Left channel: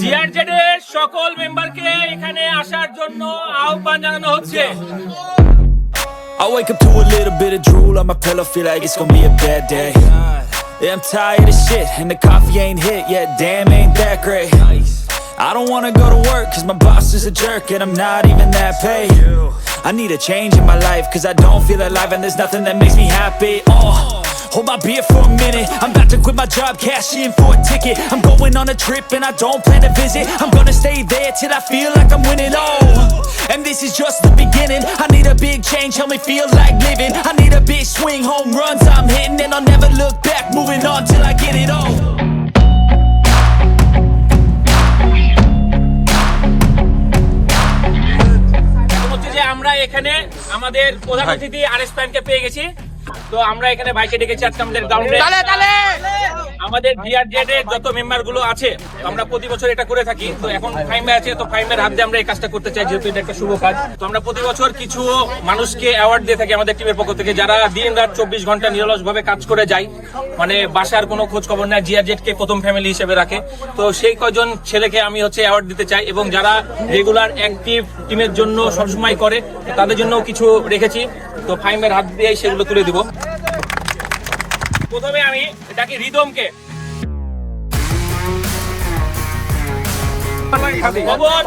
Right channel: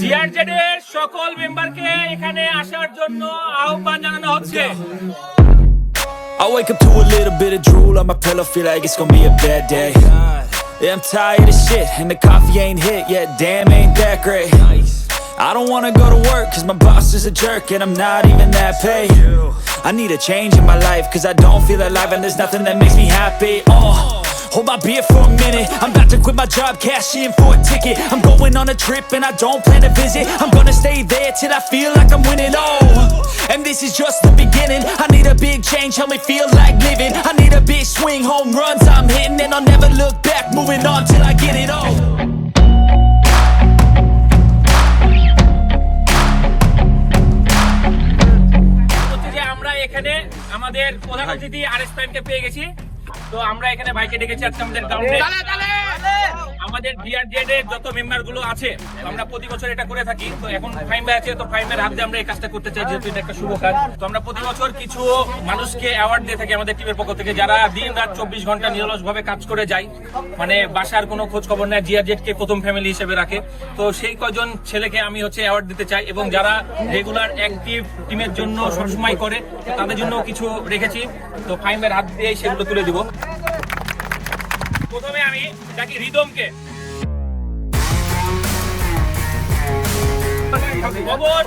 জিআরজেড এর সকল মেম্বারকে এখানে আসার জন্য আহ্বান জানানো হচ্ছে I wake up to a little bit of drool on my pillow, feel like it's gonna be a bad day. Yeah, I'm tired of shit, and the coffee ain't hit yet, damn, ain't that great. I don't wanna go to work, cause my boss is a jerk, and I'm not even that paid. I need a change in my life, cause I don't feel alive, and there's nothing that makes me happy. Oh. Hold my beer for a minute. I'm about to quit my job, cash in for a ticket. I'm going on a trip and I don't plan to visit. I'm gonna stay there till I feel like I'm winning. Oh, and this is just the beginning. I need a big change, help me feel like living. I need a big swing, home runs I'm hitting, and I'll never look back. Moving on till I get it all. এখানে আমাদের প্রধান অতিথি আর S প্যান্টকে পেয়ে গেছি তো আমরা এখানে ভাইকে ডেকেছি আজকে আমাদের গ্রাউন্ডে আমাদের বিআরজেড এর যত মেম্বারগুলো আছে আমরা প্রতি বছর এটা করে থাকি। তো এখন ফাইমে আছে তো ফাইমের হাত আমরা এই কাজটা করতে চাই যেহেতু এটা একটা শুভ কাজ। তো আমরা প্রতি বছর কিছু মানুষকে অ্যাওয়ার্ড দিয়ে থাকি আমাদের টিমের পক্ষ থেকে যারা দিন রাত চব্বিশ ঘণ্টা নিরলস ভাবে কাজ করে যায়। মানে বাসার কোনো খোঁজ খবর নেয় জিআরজেড কে প্রথম ফ্যামিলি হিসেবে রাখে। তো সেই কয়জন ছেলেকে আমি হচ্ছে অ্যাওয়ার্ড দিতে চাই এবং যারা রেগুলার অ্যাক্টিভ টিমের জন্য সবসময় করে তাদের জন্য কিছু রেখেছি। তো ফাইমের হাত দিয়ে সেগুলো তুলে দিব। প্রথমে আমি ডাকি রিদমকে Pawan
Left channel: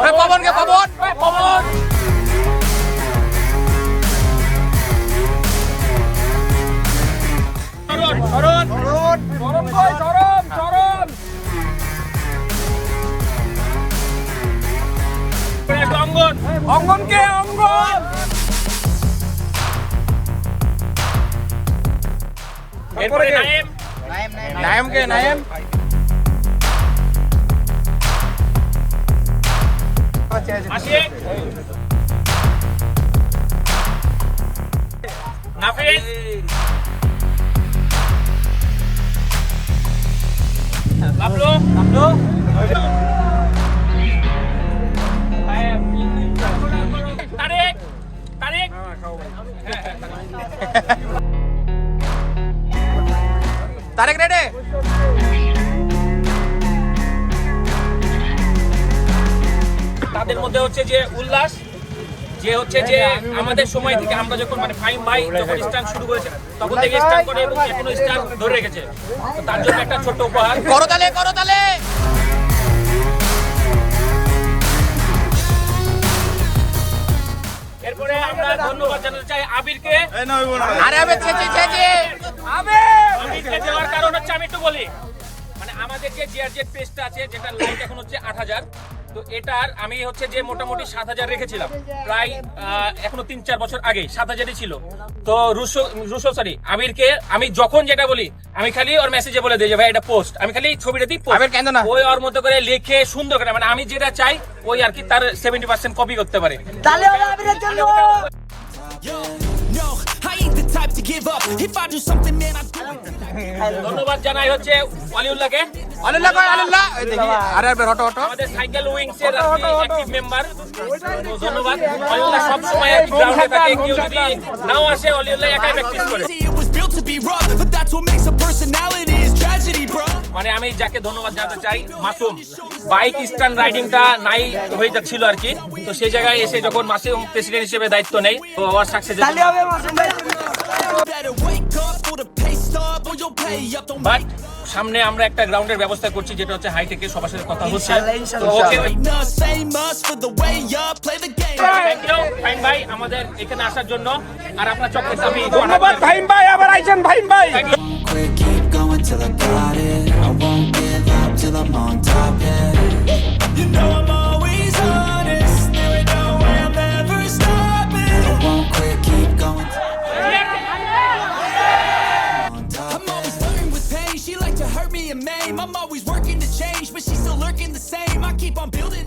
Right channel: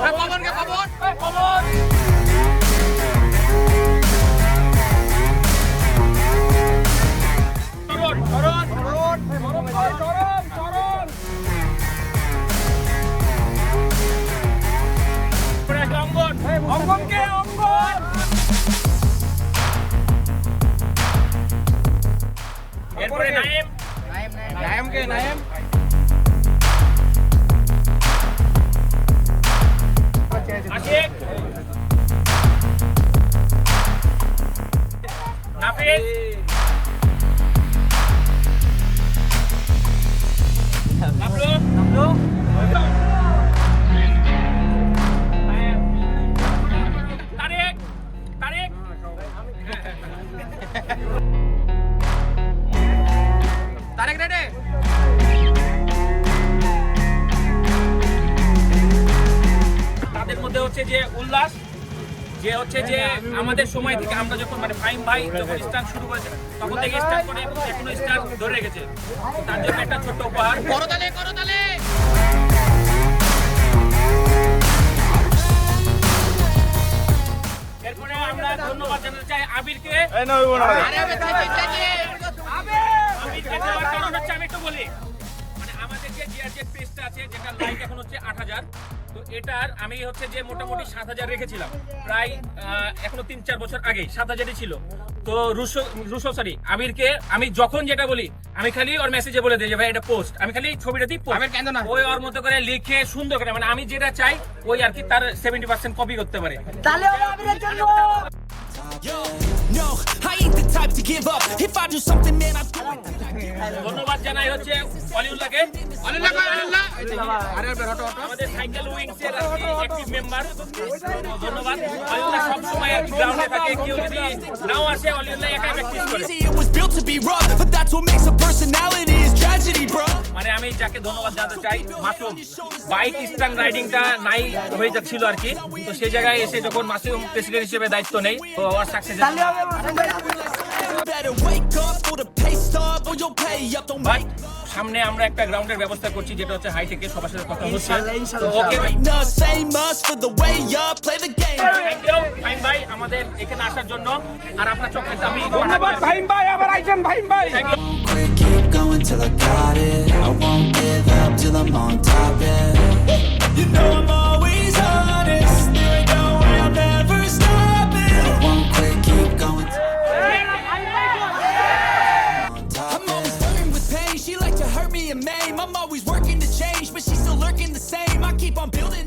Naim Naim Naim ke Naim Masih Tarique রেডে তাদের মধ্যে হচ্ছে যে উল্লাস যে হচ্ছে যে আমাদের সময় থেকে আমরা যখন মানে ফাইম ভাই যখন স্টার্ট শুরু করেছে তখন থেকে স্টার্ট করে এবং এখনও স্টার্ট ধরে রেখেছে। তো তার জন্য একটা ছোট্ট উপহার। করো তালে করো তালে! এরপরে আমরা ধন্যবাদ জানাতে চাই আবিরকে। আরে আবে চে চে চে চে আবিরকে দেওয়ার কারণ হচ্ছে আমি একটু বলি মানে আমাদের যে জিআরজেড পেজটা আছে যেটা লাইক এখন হচ্ছে আট হাজার তো এটার আমি হচ্ছে যে মোটামুটি সাত হাজার রেখেছিলাম। প্রায় আহ, এখনও তিন চার বছর আগে সাত হাজারই ছিল। তো রুশো রুশো সরি আবিরকে আমি যখন যেটা বলি আমি খালি ওর মেসেজে বলে দিই যে ভাই এটা পোস্ট আমি খালি ছবিটা দিই। আবির কেন না? ওই ওর মতো করে লিখে সুন্দর করে মানে আমি যেটা চাই ওই আর কি তার সেভেন্টি পার্সেন্ট কপি করতে পারে। Yo, no, I ain't the type to give up. If I do something, man, I do it till I get it. ধন্যবাদ জানাই হচ্ছে অলিউল্লাহকে আল্লাহ কয় আল্লাহ এই দেখি আরে আবে হটো হটো আমাদের সাইকেল উইংস এর অ্যাক্টিভ মেম্বার ধন্যবাদ অলিউল্লাহ সব সময় গ্রাউন্ডে থাকে কেউ যদি নাও আসে অলিউল্লাহ একাই প্র্যাকটিস করে Easy, it was built to be rough, but that's what makes a personality is tragedy, bro. মানে আমি যাকে ধন্যবাদ জানাতে চাই, মাসুম, বাইক স্ট্যান্ড রাইডিংটা নাই হয়ে যাচ্ছিল আর কি। তো সেই জায়গায় এসে যখন মাসুম প্রেসিডেন্ট হিসেবে দায়িত্ব নেই, তো আমার সাকসেস সামনে আমরা একটা গ্রাউন্ডের ব্যবস্থা করছি যেটা হচ্ছে হাই থেকে সবার সাথে কথা হচ্ছে। ভাই আমাদের ভাই ভাই। Till I got it, I won't give up till I'm on top. Yeah, you know me and maim. I'm always working to change, but she's still lurking the same. I keep on building.